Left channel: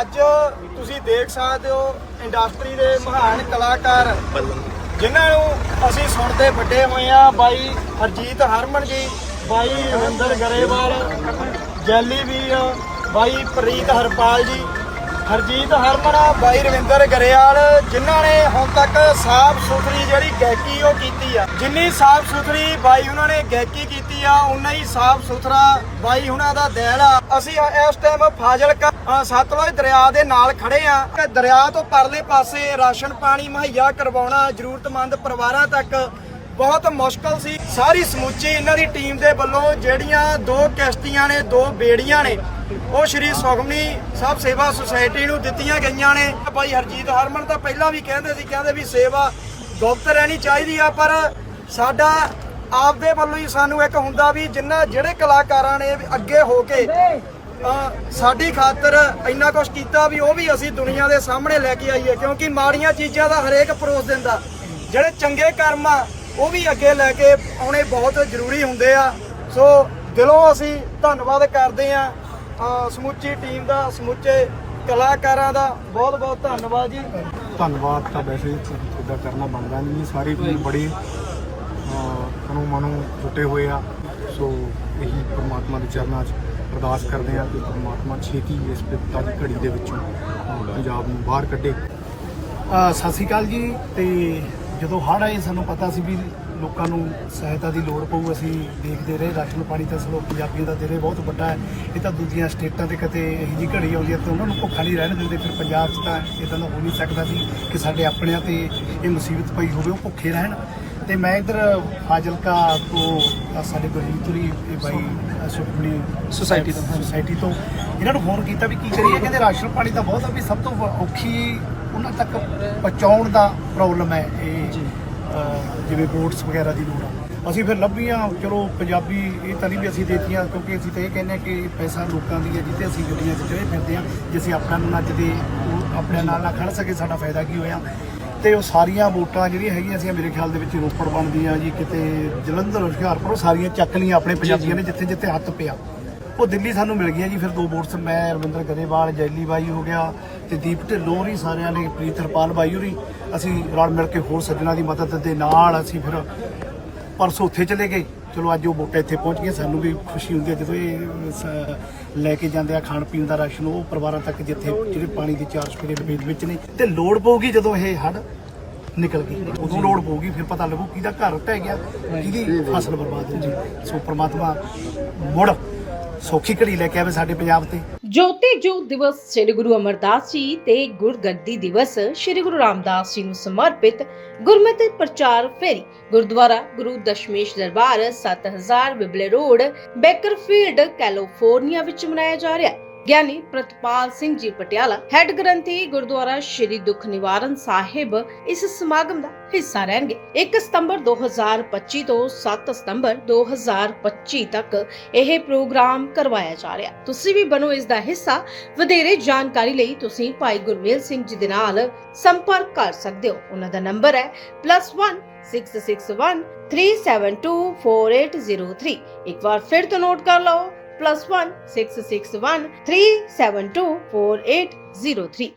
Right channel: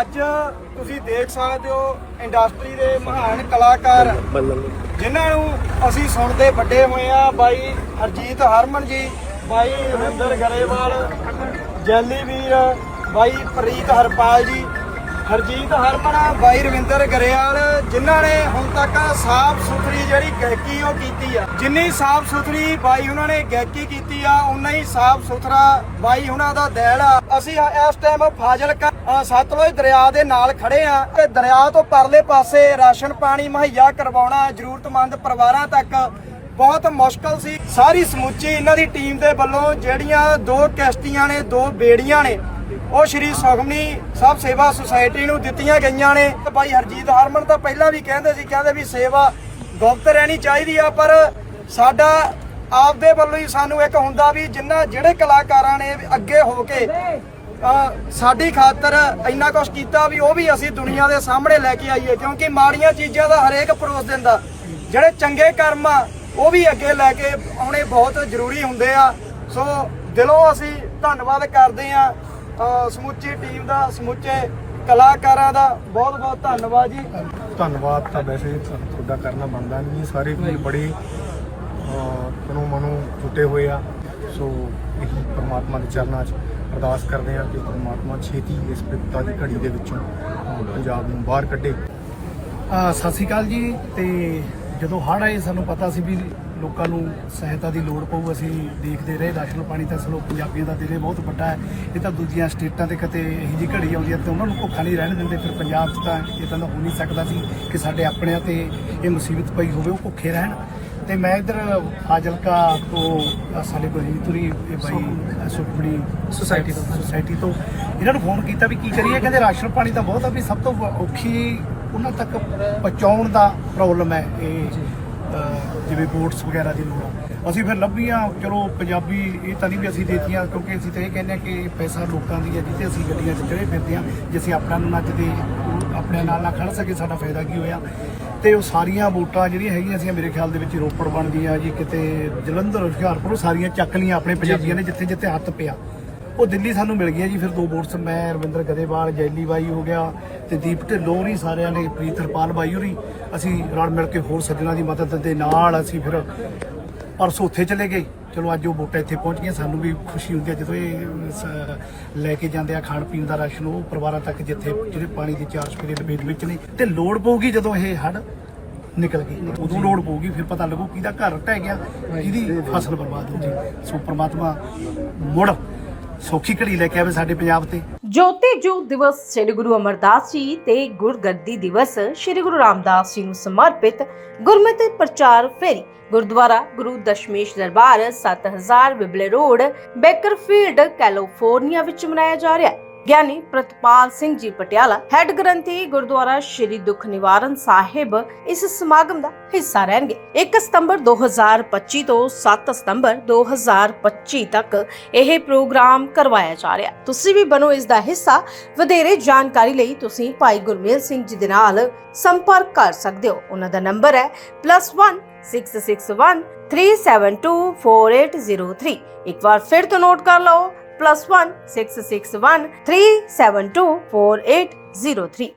ਅੱਜ ਤੁਸੀਂ ਦੇਖ ਸਕਦੇ ਹੋ ਇੰਡਸਟਰੀ ਦੇ ਮਹਾਨ ਕਲਾਕਾਰ। ਜਿਨ੍ਹਾਂ ਨੂੰ ਅਸੀਂ ਸੁਣਦੇ ਵੱਡੇ ਹੋਏ ਆ ਬਾਈ ਹਰਜੀਤ ਹਰਮਨ ਜੀ, ਬਾਈ ਰਵਿੰਦਰ ਗਰੇਵਾਲ, ਜੈਲੀ ਵੀਰ, ਬਾਈ ਪ੍ਰੀਤ ਹਰਪਾਲ ਜੀ, ਹਰਜੀਤ ਹਰਮਨ, ਬਾਈ ਰਵਿੰਦਰ ਗਰੇਵਾਲ, ਜਿਨ੍ਹਾਂ ਨੇ ਹੁਣ ਤੱਕ ਸਾਫ਼ ਸੁਥਰੀ ਜਿਹੜੀ ਗਾਇਕੀ ਉਹ ਕੀਤੀ ਆ। ਜਿੰਨੀ ਸਾਫ਼ ਸੁਥਰੀ ਬਾਈ ਉਹਨਾਂ ਨੇ ਗਾਇਕੀ ਕੀਤੀ ਆ ਉਨਾ ਹੀ ਸਾਫ਼ ਸੁਥਰਾ ਬਾਈ ਉਹਨਾਂ ਦਾ ਦਿਲ ਆ। ਅਸੀਂ ਇਸ ਟਾਈਮ ਫਾਜ਼ਿਲਕਾ ਸਤਲੁਜ ਦਰਿਆ ਦੇ ਨਾਲ ਖੜੇ ਆ। ਤੇ ਦਰਿਆ ਤੋਂ ਪਰਲੇ ਪਾਸੇ ਰਾਸ਼ਨ ਪਾਣੀ ਮੁਹੱਈਆ ਕਰਵਾਉਣਾ ਜ਼ਰੂਰਤਮੰਦ ਪਰਿਵਾਰਾਂ ਤੱਕ ਬਹੁਤ ਮੁਸ਼ਕਲ ਸੀ। ਸਾਰੀ ਸਮੁੱਚੀ ਇਹਨਾਂ ਦੀ ਟੀਮ ਦੇ ਵੱਲੋਂ ਜਿਹੜੀਆਂ ਦੋ ਕਿਸ਼ਤੀਆਂ ਨੇ, ਦੋ ਬੇੜੀਆਂ ਨੇ, ਉਹ ਸ਼੍ਰੀ ਸੁਖਮਨੀ ਸਾਹਿਬ ਸੇਵਾ ਸੁਸਾਇਟੀ ਨੂੰ ਦਿੱਤੀਆਂ ਗਈਆਂ ਨੇ। ਭਾਈ ਹਰਜੀਤ ਹਰਮਨ ਤਾਂ ਪਹਿਲਾਂ ਵੀ ਕਹਿੰਦੇ ਸੀ, ਕਹਿੰਦੇ ਵੀ ਸੇਵਾ ਗੁਪਤ ਰਹਿਣੀ ਚਾਹੀਦੀ ਆ, ਪਰ ਸਾਡਾ ਆਪਦੇ ਵੱਲੋਂ ਹੀ ਸਾਨੂੰ ਇੱਕ ਹੁੰਦਾ ਵੀ ਜਿੰਨਾ ਜਿਹੜੇ ਕਲਾਕਾਰਾਂ ਨੇ ਅੱਗੇ ਹੋ ਕੇ ਸਾਡੀ ਖਾਤਰ ਇੰਨਾ ਕੁਝ ਕੀਤਾ ਵੀ ਉਹ ਵੀ ਅਸੀਂ ਦੁਨੀਆ ਦੇ ਸਾਹਮਣੇ ਲੈ ਕੇ ਆਈਏ, ਕਿਉਂਕਿ ਮਾੜੀਆਂ ਚੀਜ਼ਾਂ ਦਾ ਹਰੇਕ ਪਰੋਸ ਦਿੰਦਾ। ਜਿਹੜੇ ਚੰਗੇ ਕਰਮ ਆ, ਉਹ ਵੀ ਅੱਗੇ ਲੈ ਕੇ ਆਉਣੇ ਬਹੁਤ ਜ਼ਰੂਰੀ ਹੁੰਦੇ ਆ। ਸੋ ਦਿਲੋਂ ਅਸੀਂ ਧੰਨਵਾਦ ਕਰਦੇ ਆ ਸਮੁੱਚੀ ਟੀਮ ਦਾ, ਸਮੁੱਚੇ ਕਲਾਕਾਰਾਂ ਦਾ। ਬਹੁਤ ਬਹੁਤ ਧੰਨਵਾਦ ਜੀ। ਧੰਨਵਾਦ ਤਾਂ ਵੈਸੇ ਤੁਹਾਡਾ ਕਰਨਾ ਬਣਦਾ ਨਹੀਂ ਹੈ। ਸਾਰੇ ਵੀਰ ਬੜੇ ਤਨੋਂ ਮਨੋਂ ਜੁਟੇ ਹੋਏ ਆ। ਸੋ ਇਹੀ ਪ੍ਰਮਾਤਮਾ ਦੇ ਚਰਨਾਂ 'ਚ ਅਰਦਾਸ ਕਰਦੇ ਹਾਂ ਕਿ ਪ੍ਰਮਾਤਮਾ ਛੇਤੀ ਇਸ ਵਿਪਤਾ ਦੀ ਘੜੀ ਦੇ ਵਿੱਚੋਂ ਪੰਜਾਬ ਨੂੰ ਬਾਹਰ ਕੱਢੇ। ਸਤਿ ਸ਼੍ਰੀ ਅਕਾਲ ਜੀ, ਤੇ ਜਦੋਂ ਹੜ੍ਹ ਆਏ, ਸਾਨੂੰ ਪਤਾ ਸੀ ਵੀ ਲੋਕਾਂ ਨੂੰ ਸਹਾਇਤਾ ਦੀ ਲੋੜ ਪਊ। ਅਸੀਂ ਦੇਖਦੇ ਰਹੇ, ਰਾਸ਼ਨ ਪਾਣੀ ਤਾਂ ਚਲੋ ਪੰਜਾਬੀਆਂ ਦਾ ਦਿਲੇ ਬਹੁਤ ਵੱਡਾ ਹੈ। ਇਹ ਤਾਂ ਦੂਜੀਆਂ ਸਟੇਟਾਂ ਤੇ ਕਿਤੇ ਇਹੋ ਜਿਹੀ ਘੜੀ ਆਉਂਦੀ ਹੈ ਤੇ ਉਹਨਾਂ ਨੂੰ ਭੁੱਖਾ ਨਹੀਂ ਰਹਿਣ ਦਿੰਦੇ। ਫਿਰ ਪੰਜਾਬ 'ਚ ਤਾਂ ਇਦਾਂ ਦਾ ਹੋ ਨਹੀਂ ਸਕਦਾ ਸੀ ਕਿ ਸਾਡੇ ਆਪਣਿਆਂ ਤੇ ਇਹ ਮੁਸੀਬਤ ਪਈ ਹੋਵੇ, ਉਹ ਭੁੱਖੇ ਰਹਿਣ। ਤੇ ਮੈਂ ਇਧਰ ਫਾਜ਼ਿਲਕਾ ਤੋਂ ਸਾਡੇ ਗੁਰਜੀਤੁਰੀ ਇਹ ਬਾਈ ਸੁਖਮਣੀ ਸੁਸਾਇਟੀ ਤੋਂ। ਸੁਸਾਇਟੀ ਤੋਂ। ਇਹਨਾਂ ਨੂੰ ਫੋਨ ਕੀਤਾ ਵੀ ਕੀ ਕਰੀਏ ਕਹਿੰਦੇ ਰਾਸ਼ਨ ਪਾਣੀ ਤਾਂ ਬਹੁਤ ਆ ਵੀ ਸਭ ਤੋਂ ਔਖੀ ਉਹਨਾਂ ਤੱਕ ਪਹੁੰਚਾਉਣ ਦਾ ਪ੍ਰੋਬਲਮ ਹੈ ਇਹ ਜਿਵੇਂ ਬੋਟਸ ਵਗੈਰਾ ਦੀ ਲੋੜ ਆ। ਅਸੀਂ ਫਿਰ ਲੱਭੀਆਂ ਚਲੋ ਪੰਜਾਬੀ ਇਹ ਤਾਂ ਨਹੀਂ ਵੀ ਅਸੀਂ ਦੇਤੀਆਂ ਕਿਉਂਕਿ ਅਸੀਂ ਤਾਂ ਇਹ ਕਹਿੰਦੇ ਹਾਂ ਕਿ ਪੈਸਾ ਲੋਕਾਂ ਦੀ ਹੈ ਜਿੱਤੇ ਅਸੀਂ ਗੱਡੀਆਂ 'ਚ ਤੇ ਫਿਰਦੇ ਹਾਂ ਜੇ ਅਸੀਂ ਆਪਣਾ ਨੂੰ ਨੱਚਦੇ ਆਪਣੇ ਨਾਲ ਨਾ ਖੜ ਸਕੇ ਸਾਡਾ ਫਾਇਦਾ ਕੀ ਹੋਇਆ? ਤੇ ਉਹ ਸਾਰੀਆਂ ਵੋਟਾਂ ਜਿਹੜੀਆਂ ਹੈਗੀਆਂ ਸੀ ਮੇਰੇ ਖਿਆਲ ਦੇ ਵਿੱਚ ਰੋਪੜ ਬਣਦੀਆਂ ਜੀ ਕਿਤੇ ਜਲੰਧਰ ਹੁਸ਼ਿਆਰਪੁਰ ਉਹ ਸਾਰੀਆਂ ਚੱਕ ਲਈਆਂ ਆਪਣੇ ਪੰਜਾਬੀਆਂ ਨੇ ਜਿੱਥੇ ਜਿੱਥੇ ਹੱਥ ਪਿਆ। ਉਹ ਦਿੱਲੀ ਸਾਨੂੰ ਮਿਲ ਗਿਆ ਜੀ ਫਿਰ ਦੋ ਵੋਟਸ ਮੈਂ ਰਵਿੰਦਰ ਗਰੇਵਾਲ ਜੈਲੀ ਬਾਈ ਹੋ ਗਿਆ ਤੇ ਦੀਪ ਢਿੱਲੋਂ ਹੋਰੀ ਸਾਰਿਆਂ ਨੇ ਪ੍ਰੀਤ ਹਰਪਾਲ ਬਾਈ ਹੋਰੀ ਅਸੀਂ ਰਲ ਮਿਲ ਕੇ ਹੋਰ ਸੱਜਣਾ ਦੀ ਮਦਦ ਦੇ ਨਾਲ ਅਸੀਂ ਫਿਰ ਪਰਸੋਂ ਉੱਥੇ ਚਲੇ ਗਏ। ਚਲੋ ਅੱਜ ਉਹ ਵੋਟਾਂ ਇੱਥੇ ਪਹੁੰਚ ਗਈਆਂ, ਸਾਨੂੰ ਵੀ ਖੁਸ਼ੀ ਹੁੰਦੀ ਹੈ ਜਦੋਂ ਇਹ ਸ- ਲੈ ਕੇ ਜਾਂਦੇ ਆ ਖਾਣ ਪੀਣ ਦਾ ਰਾਸ਼ਨ, ਉਹ ਪਰਿਵਾਰਾਂ ਤੱਕ ਜਿੱਥੇ ਜਿਹੜੇ ਪਾਣੀ ਦੀ ਚਾਰ ਸਪਰੇ ਲਪੇਟ ਵਿੱਚ ਨੇ, ਤੇ ਲੋੜ ਪਊਗੀ ਜਦੋਂ ਇਹ ਹੜ ਨਿਕਲ ਗਈ। ਉਦੋਂ ਲੋੜ ਪਊਗੀ, ਫਿਰ ਪਤਾ ਲੱਗੂ ਕਿਹਦਾ ਘਰ ਟਹਿ ਗਿਆ ਕਿਹਦੀ ਫਸਲ ਬਰਬਾਦ ਹੋ ਗਈ। ਸੋ ਪ੍ਰਮਾਤਮਾ ਮੁੜ ਸੌਖੀ ਘੜੀ ਲੈ ਕੇ ਆਵੇ ਸਾਡੇ ਪੰਜਾਬ ਤੇ। ਜੋਤੀ ਜੋਤ ਦਿਵਸ ਸ੍ਰੀ ਗੁਰੂ ਅਮਰਦਾਸ ਜੀ ਤੇ ਗੁਰਗੱਦੀ ਦਿਵਸ ਸ੍ਰੀ ਗੁਰੂ ਰਾਮਦਾਸ ਜੀ ਨੂੰ ਸਮਰਪਿਤ ਗੁਰਮਤਿ ਪ੍ਰਚਾਰ ਫੇਰੀ। Gurdwara Guru Dashmesh Darbar 7000 Wible road, Bakersfield, California ਵਿੱਚ ਮਨਾਇਆ ਜਾ ਰਿਹਾ ਹੈ। ਗਿਆਨੀ ਪ੍ਰਤਪਾਲ ਸਿੰਘ ਜੀ ਪਟਿਆਲਾ, ਹੈੱਡ ਗ੍ਰੰਥੀ ਗੁਰਦੁਆਰਾ ਸ਼੍ਰੀ ਦੁੱਖ ਨਿਵਾਰਨ ਸਾਹਿਬ ਇਸ ਸਮਾਗਮ ਦਾ ਹਿੱਸਾ ਰਹਿਣਗੇ। 1 ਸਤੰਬਰ 2025 ਤੋਂ 7 ਸਤੰਬਰ 2025 ਤੱਕ ਇਹ ਪ੍ਰੋਗਰਾਮ ਕਰਵਾਇਆ ਜਾ ਰਿਹਾ ਹੈ। ਤੁਸੀਂ ਵੀ ਬਣੋ ਇਸ ਦਾ ਹਿੱਸਾ। ਵਧੇਰੇ ਜਾਣਕਾਰੀ ਲਈ ਤੁਸੀਂ ਭਾਈ ਗੁਰਮੇਲ ਸਿੰਘ ਜੀ ਦੇ ਨਾਲ ਸੰਪਰਕ ਕਰ ਸਕਦੇ ਹੋ। ਉਹਨਾਂ ਦਾ ਨੰਬਰ ਹੈ +1 661 372 4803 ਇੱਕ ਵਾਰ ਫਿਰ ਤੋਂ ਨੋਟ ਕਰ ਲਓ +1 661 372 4803